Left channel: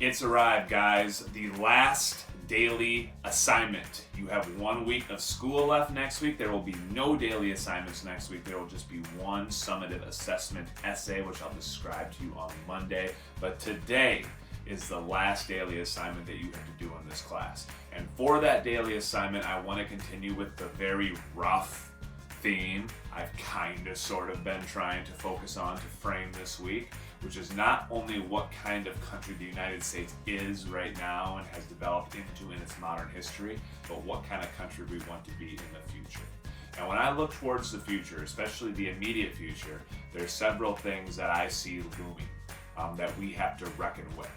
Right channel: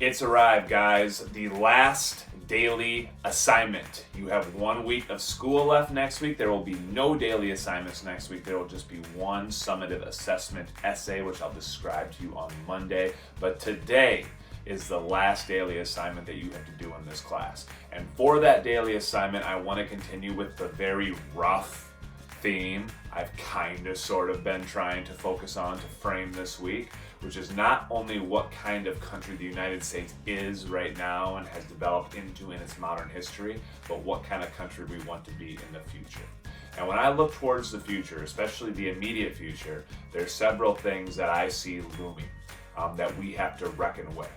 It's arrived, guys. The last daily assignment. You have 1 week of school left next week. There will be no daily assignments next week. There will just be one summative assessment essay, which I'll describe to you on Monday. But today is the last daily assignment that you have to do in this class. And for that daily assignment, I want to continue with the very rough theme I've sort of been trying to focus on to frame this week, which is not only what kind of country the United States is right now and has developed into in its modern history, but what kind of country we want to be in the future. And when I look towards the future, especially the immediate future, there's several things that I see looming that we have to reckon with.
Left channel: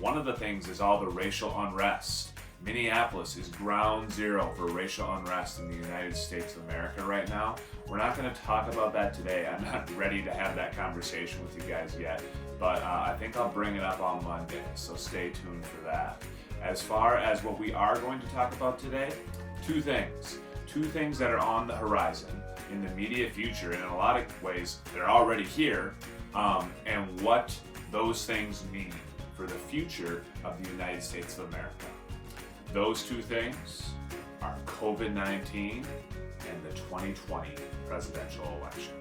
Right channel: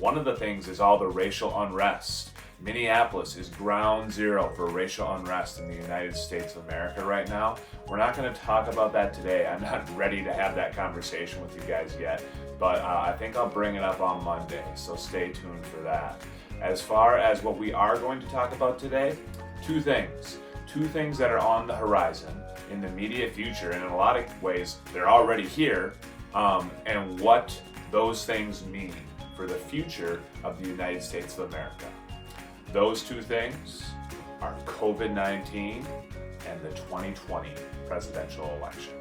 One of the things is all the racial unrest. Minneapolis is ground zero for racial unrest in the United States of America right now. We're not going to talk about that today. I'm not ready to have that conversation with you guys yet, but I think I'll bring it up on Monday, so stay tuned for that. As far as what we are going to talk about today, two things that are on the horizon in the immediate future, and in a lot of ways they're already here, and what those things mean for the future of the United States of America. Those two things are COVID-19 and the 2020 presidential election.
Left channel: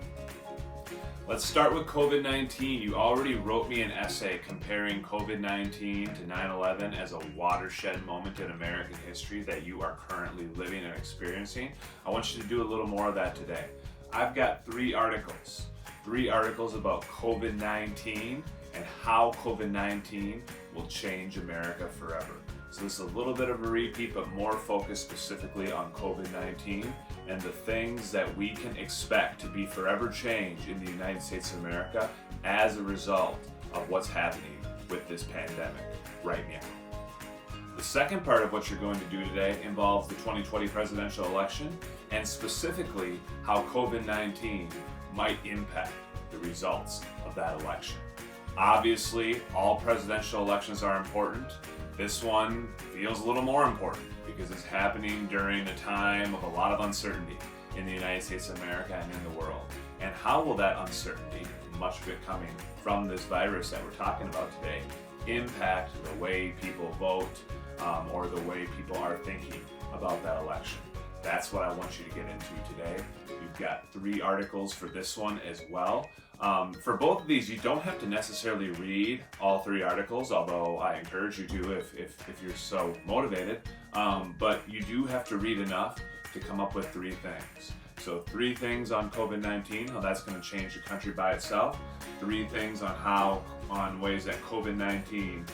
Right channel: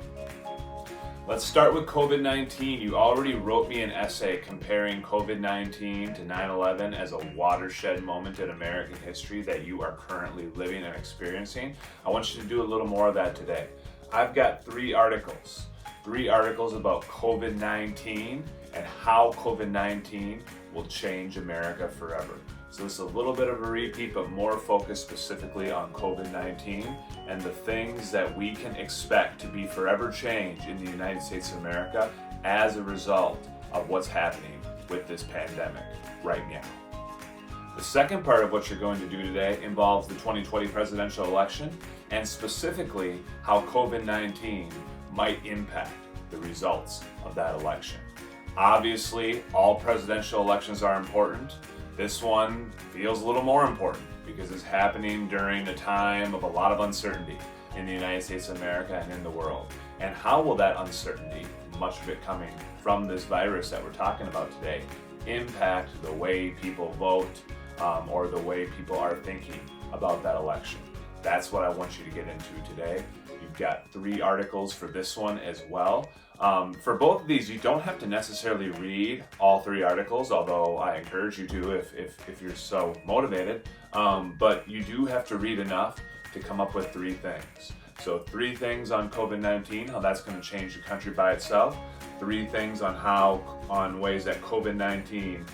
Let's start with COVID-19. You already wrote me an essay comparing COVID-19 to 9/11 as a watershed moment in American history that you are currently living and experiencing. I want you to do a little more of that today. I've got three articles about COVID-19 and how COVID-19 will change America forever. So this is a little bit of a repeat, but more focused specifically on COVID-19 and the things that we can expect to be forever changed in the United States of America as a result of what's happening with this pandemic right now. The second part of what you're going to do today involves the 2020 presidential election and specifically how COVID-19 might impact the results of that election. Obviously, all presidential elections are important. This one feels a little more important because it's happening during a time of a lot of uncertainty in the United States of America and in the world. And how will that uncertainty, much of it coming from this virus that we're talking about today, impact the way people vote or the way people are thinking about that election? That's what I want you to get into today. You've got three articles for this one as well. For both of these, you don't have to necessarily read all three articles, although I encourage you to if you're so motivated. But you do have to read enough to come up with three things. So 3 things on COVID-19, how that's going to change the country by itself. 3 things on ways that COVID-19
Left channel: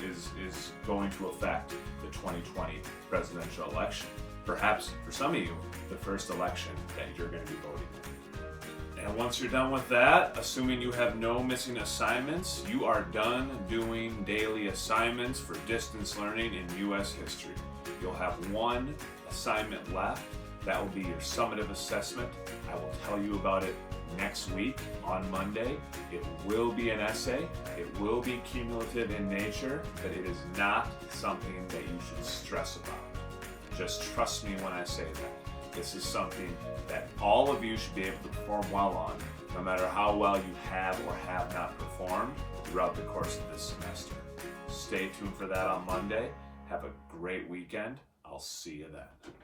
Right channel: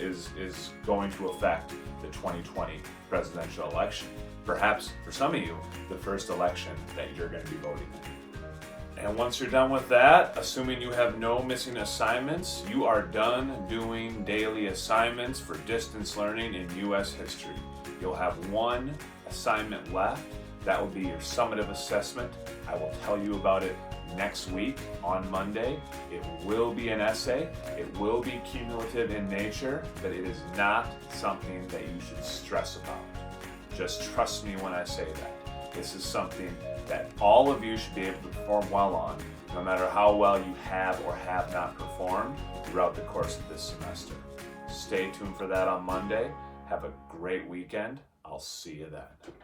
is going to affect the 2020 presidential election. Perhaps for some of you, the first election that you're going to be voting in. And once you're done with that, assuming you have no missing assignments, you are done doing daily assignments for distance learning in U.S. history. You'll have one assignment left. That will be your summative assessment. I will tell you about it next week on Monday. It will be an essay. It will be cumulative in nature, but it is not something that you should stress about. Just trust me when I say that. This is something that all of you should be able to perform well on, no matter how well you have or have not performed throughout the course of this semester. Stay tuned for that on Monday. Have a great weekend. I'll see you then.